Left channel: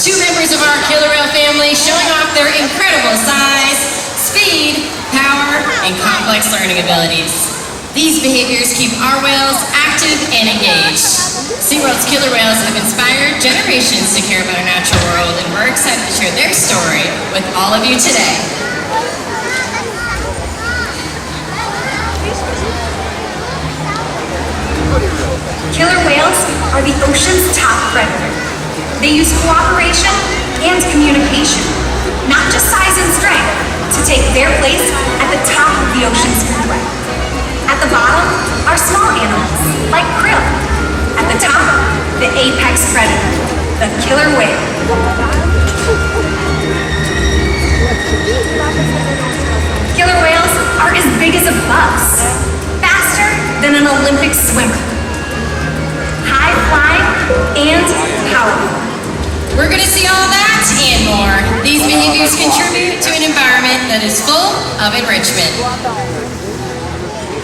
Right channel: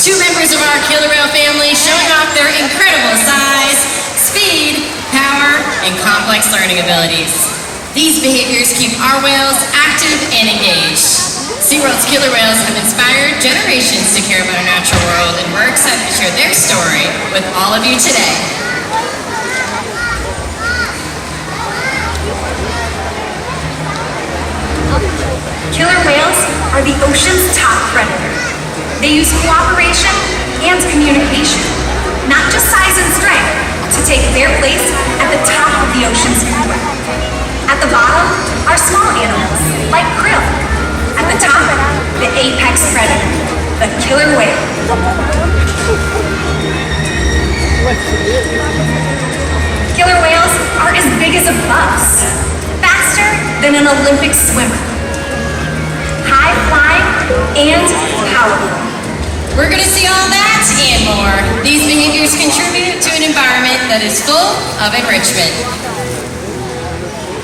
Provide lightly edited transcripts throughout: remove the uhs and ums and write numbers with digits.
two members of our killer whale family showing off their incredible size, speed, power, and complex learning abilities. These behaviors keep our whales active and engaged. SeaWorld's killer whales have inspired generations to care about our natural world, and we're excited to share their story with all of you today. Killer whales are the ocean's top predator. They use cooperation and communication, not just size and strength, to take their place at the top of the ocean's food web. At the bottom are small animals, like krill. At the top, the apex predator, the killer whale. Killer whales are as big as a bus, faster than an Olympic swimmer, high flying and powerful. We're going to see all that and more. These behaviors contribute to an environment that is full of enrichment.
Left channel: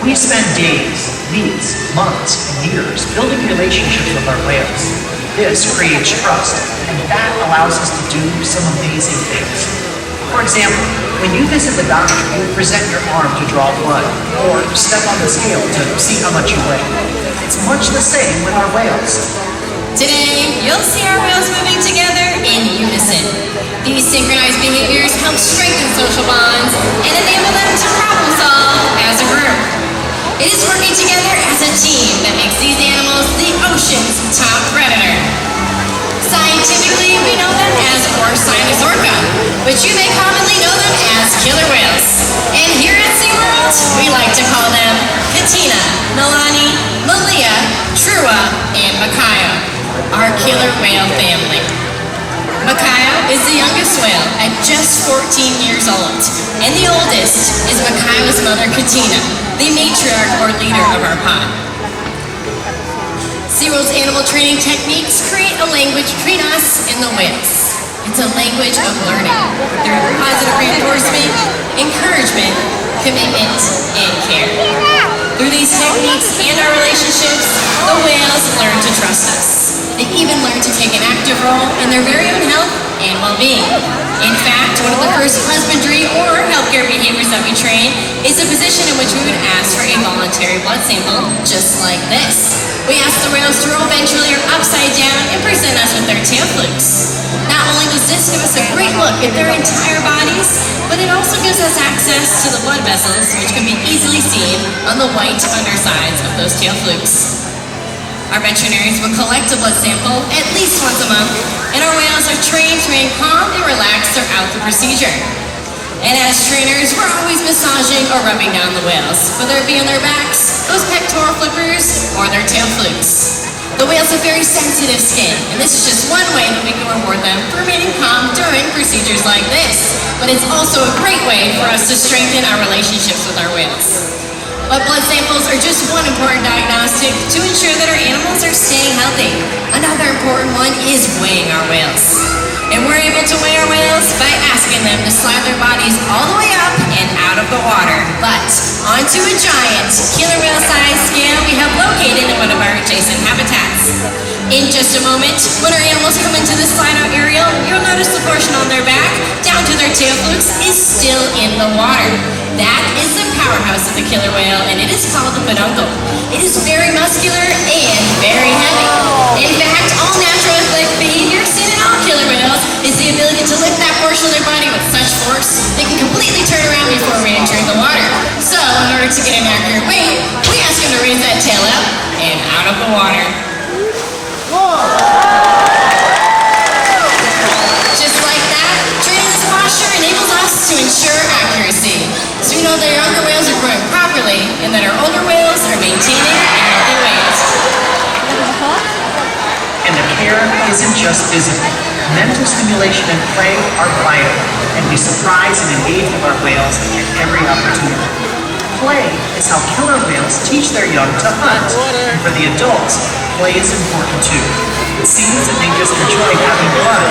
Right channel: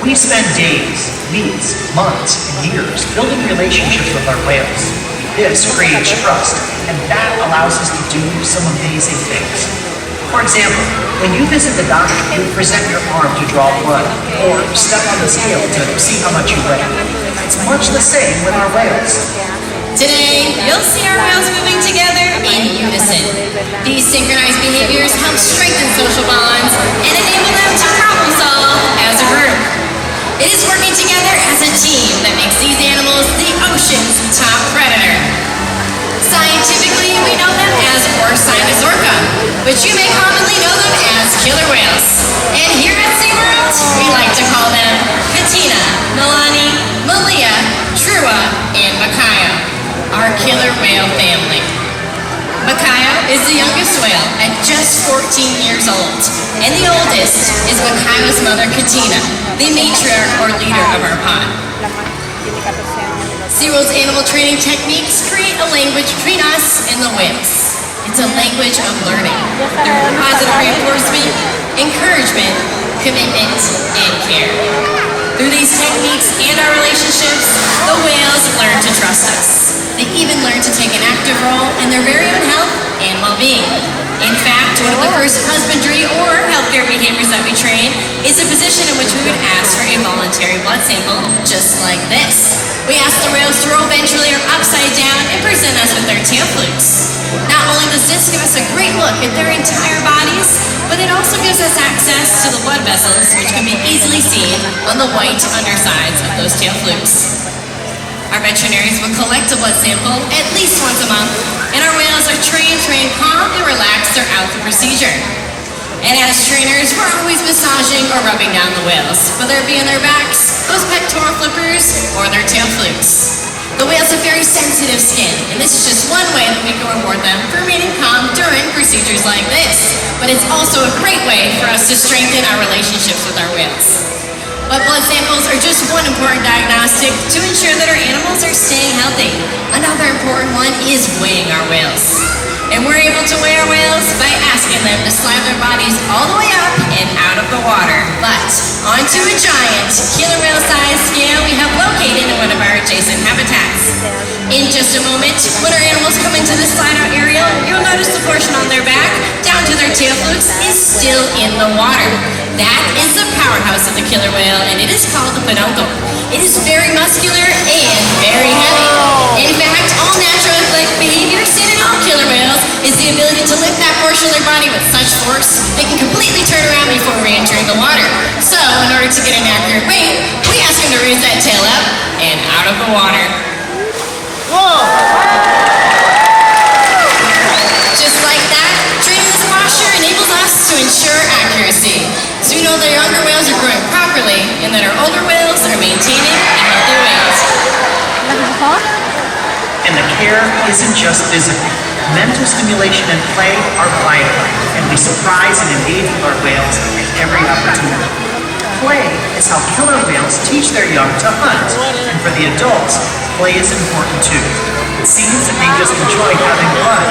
We spend days, weeks, months, and years building relationships with our whales. This creates trust, and that allows us to do some amazing things. For example, when you visit the doctor, you present your arm to draw blood, or step on the scale to see how much you weigh. It's much the same with our whales. Today, you'll see our whales moving together in unison. These synchronized behaviors help strengthen social bonds and enable them to problem solve as a group. It is working together as a team that makes these animals the ocean's top predator. Scientifically, we know them as Orca, but you may commonly know them as killer whales. And here at SeaWorld, we like to call them Katina, Nalani, Malia, Trua and Makaio, our killer whale family. Makaio is the youngest whale at just 14 years old, and the oldest is Makaio's mother, Katina, the matriarch or leader of our pod. SeaWorld's animal training techniques create a language between us and the whales. It's a language of learning through positive reinforcement, encouragement, commitment, and care. Through these techniques and our relationships, the whales learn to trust us. They even learn to take an active role in their very own health and well-being. In fact, one of the first husbandry or healthcare behaviors that we train is a position in which we would ask for a voluntary blood sample, just like this. We ask the whales to roll ventrally or upside down and present us with their tail flukes. Not only does this give us a great look at their entire bodies, but it also gives us access to the blood vessels, which can be easily seen on the white undersides of those tail flukes. Our veterinarians will collect a blood sample at least once a month, and our whales are trained to remain calm and relaxed throughout the procedure. And as trainers, we're always massaging or rubbing down the whales, whether it be on their backs, those pectoral flippers, or their tail flukes. The whales have very sensitive skin, and this is just one way that we can reward them for remaining calm during procedures like this. But it's also a great way for us to strengthen our relationships with our whales. But blood samples are just one important diagnostic to ensure that our animals are staying healthy. Another important one is weighing our whales. And we're able to weigh our whales by asking them to slide their bodies all the way up and out of the water, but onto a giant killer whale size scale we have located in one of our adjacent habitats. In just a moment, when our animals come into the slideout area, you'll notice the portion on their back, down to their tail flukes, is still in the water. That is the powerhouse of the killer whale, and it is called the peduncle. It is very muscular and very heavy. In fact, all natural athletic behavior seen in all killer whales is the ability to lift that portion of their body with such force they can completely turn around before re-entering the water. So, in order to get an accurate weight, we ask them to raise that tail up and out of the water. Just like that, training this posture enables us to ensure accuracy. So we know that our younger whales are growing properly and that our older whales are maintaining a healthy weight. And the care isn't just physical. Mental stimulation and play are vital, and we surprise and engage with our whales at every opportunity. Play is how killer whales teach their young to hunt, and for the adults, play is important too. It seems that they just enjoy having fun.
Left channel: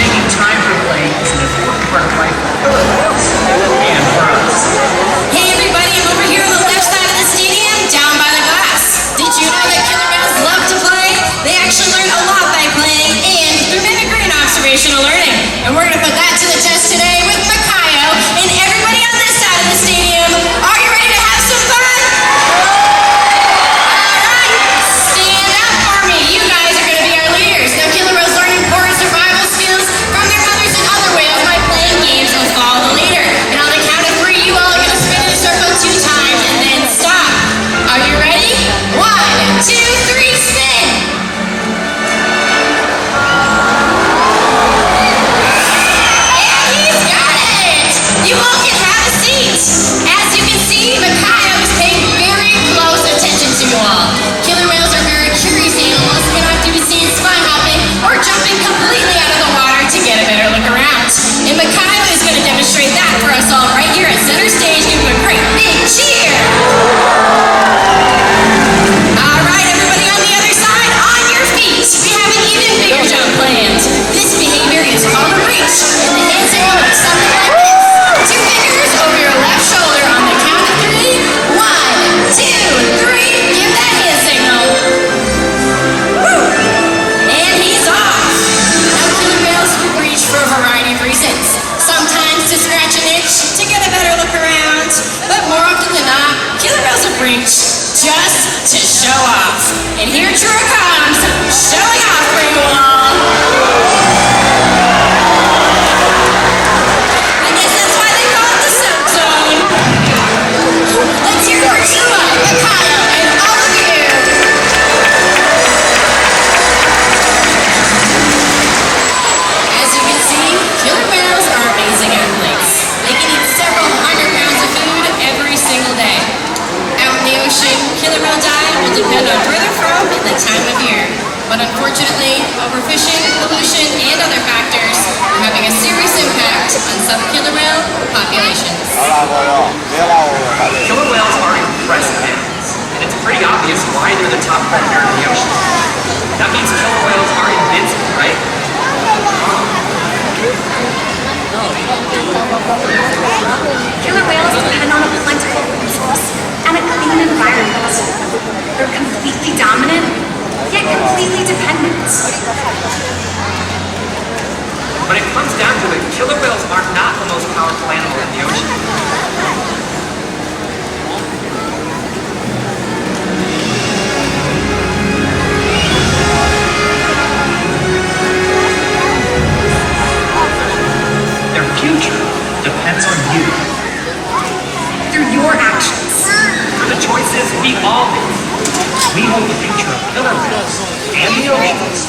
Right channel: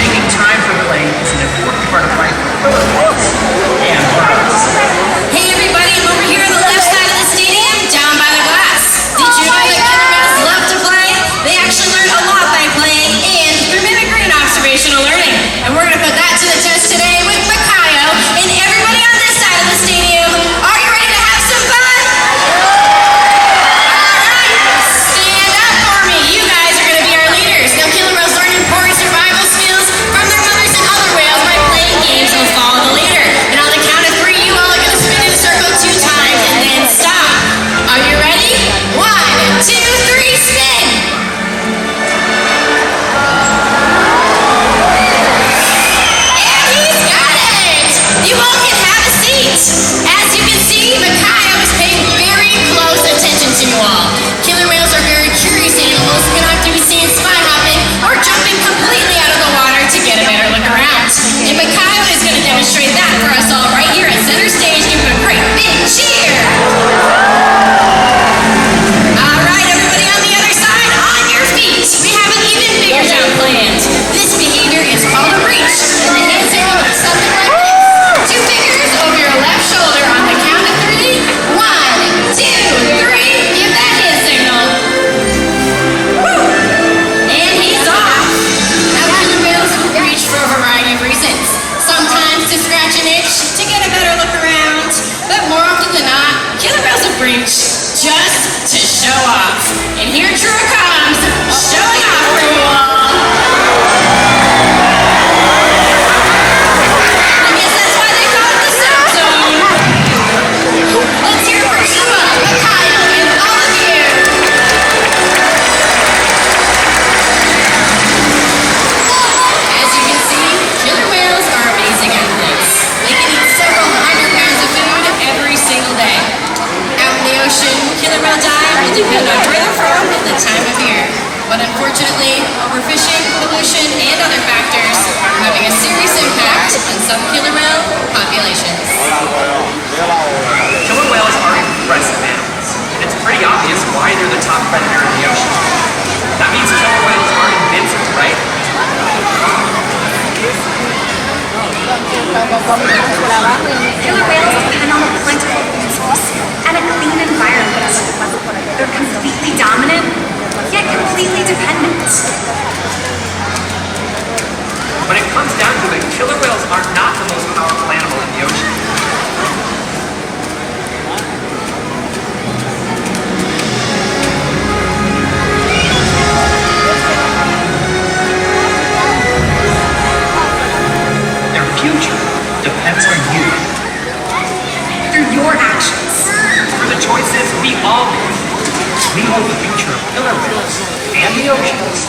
Making time for play is an important part of life for killer whales, and for us. Hey everybody, I'm over here on the left side of the stadium, down by the glass. Did you know that killer whales love to play? They actually learn a lot by playing, and through mimicry and And we're gonna put that to the test today with Makaio. And everybody on this side of the stadium, are you ready to have some fun? All right, stand up for me. You guys are gonna be our leaders. Now killer whales learn important survival skills from their mothers and other whales by playing games of follow the leader. And on the count of 3, you all are gonna spin in a circle 2 times and then stop. Are you ready? 1, 2, 3, spin. You all can have a seat. As you can see, Makaio is paying very close attention to you all. Killer whales are very curious animals, cannot be seen spy hopping or jumping completely out of the water to get a better look around. And Makaio is going to demonstrate that for us all right here at center stage. Give him a great big cheer. All right, everybody on the other side, on your feet. We have an even bigger jump planned. This behavior is called a reach. And the hand signal looks something like this. 2 fingers over your left shoulder on the count of 3. 1, 2, 3. Give that hand signal. Woo! And he's off. Now killer whales will reach for a variety of reasons. Sometimes to scratch an itch, to get a better look around. But more often than not, killer whales will reach just to show off. And here Trua comes, showing off for you all. Let's hear for Trua, Makaio, and all of you. As you can see, killer whales are amazing athletes. They can eat several hundred pounds of food every single day. Out in the ocean, killer whale diet will depend on where they're from and the time of year. But unfortunately, overfishing, pollution, and other factors are having a serious impact on some killer whale populations. Killer whales are impressive animals, and it's pretty obvious why they're the top predator in the ocean. That means killer whales are invincible, right? Killer whales depend on a plentiful food source and a clean environment. They're completely dominant, yet completely dependent. When it comes down to it, killer whales are not the most powerful animal in the ocean. Their future depends on you. Through your actions. Through the choices we all make. We hold the future of killer whales and the oceans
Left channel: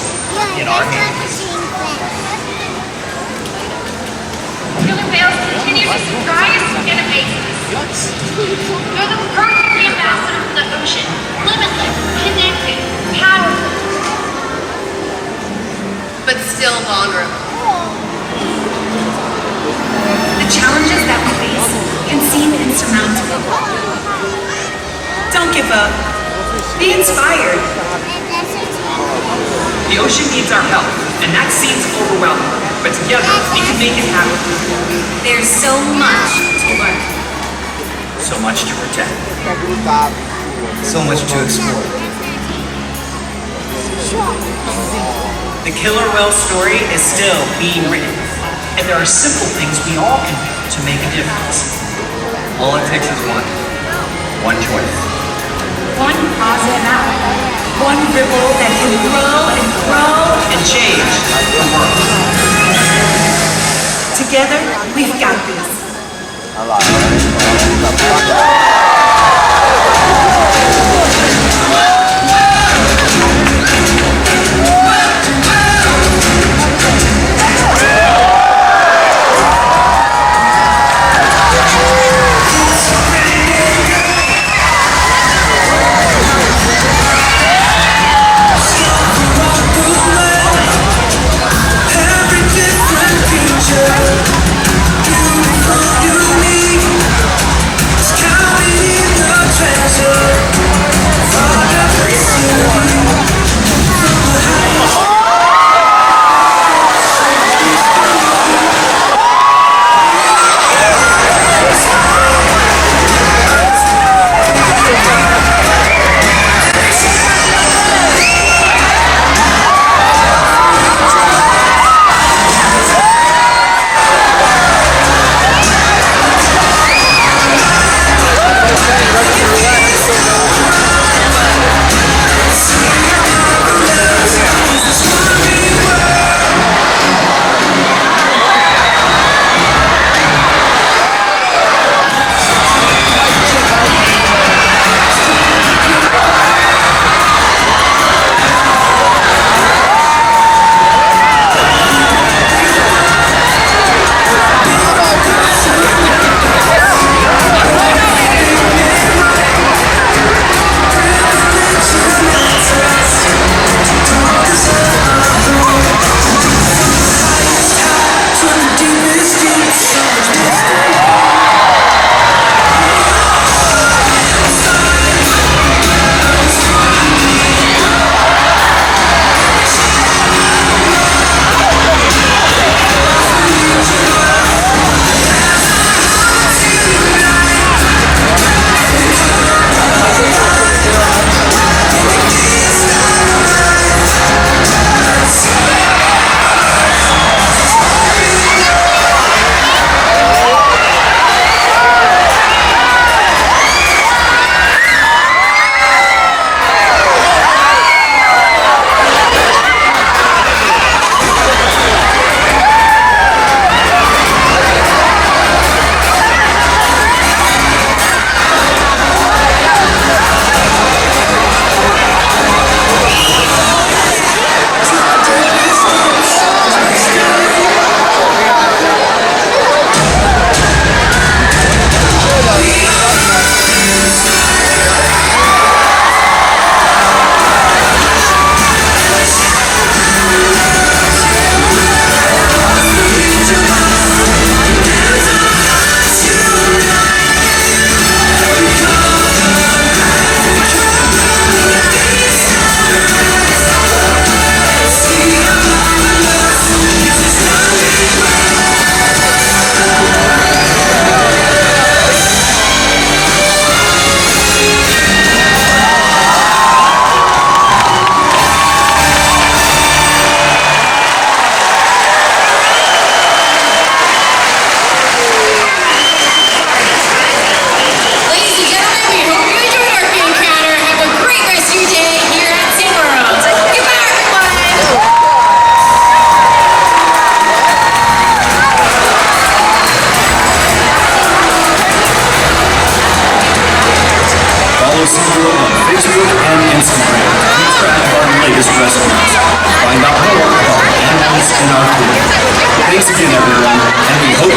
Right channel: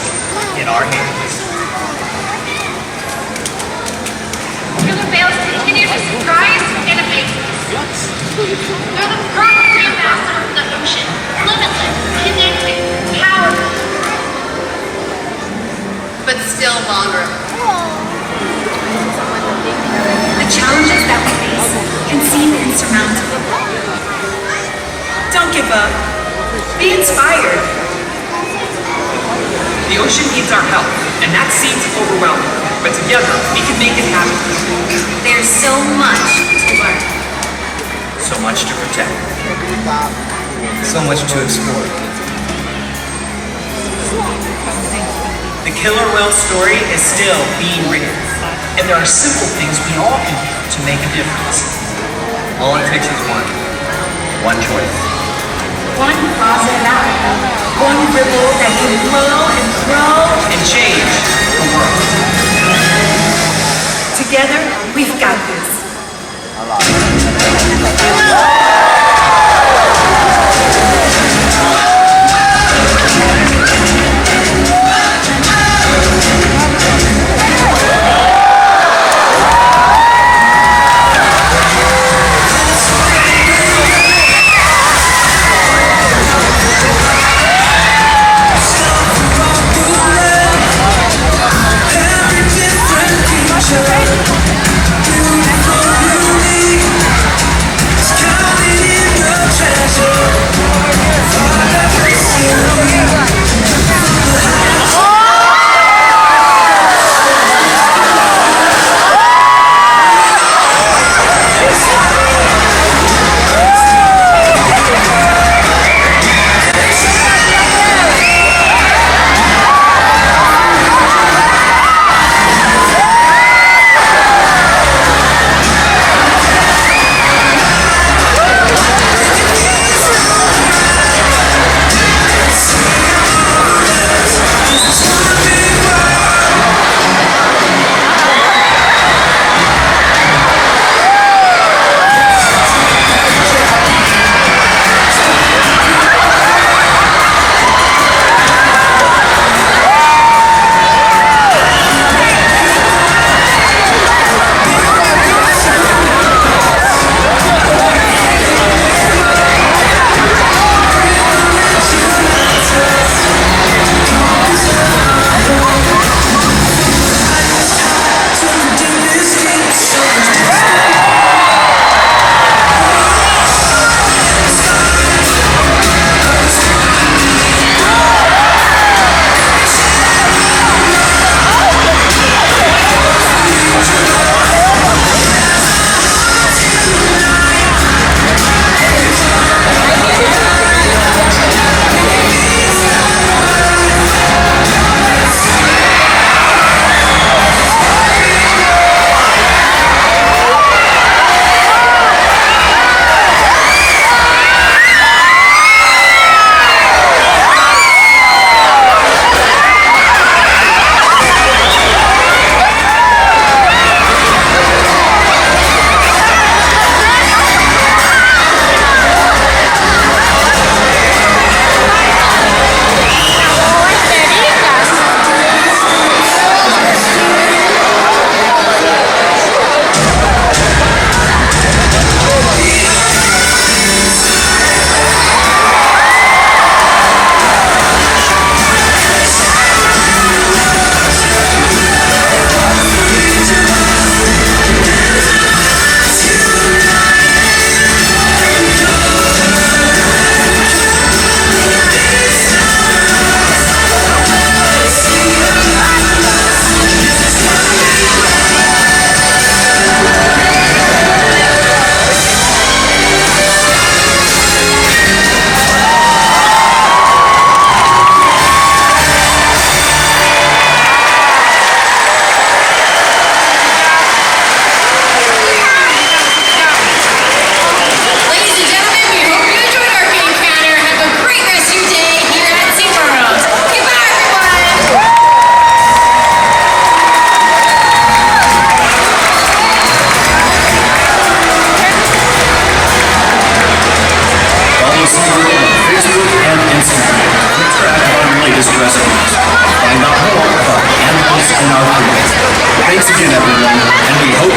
in our hands. Killer whales continue to surprise and amaze us. They're the perfect ambassadors of the ocean. Limitless, connected, powerful. But still vulnerable. The challenges that we face can seem insurmountable. Don't give up. Be inspired. The ocean needs our help, and that seems overwhelming. But together, we can make it happen. There's so much to learn. So much to protect. So much to explore. The killer whale story is still being written. And there are simple things we all can do to make a difference. All it takes is one choice. One positive act. One ripple that can grow and grow. And change the world. Together, we've got this. Beautiful, unique. It's kind SeaWorld on Facebook and Instagram to keep track of our latest rescues. Find out more about the animals in our pool. Thanks again, everyone, and we hope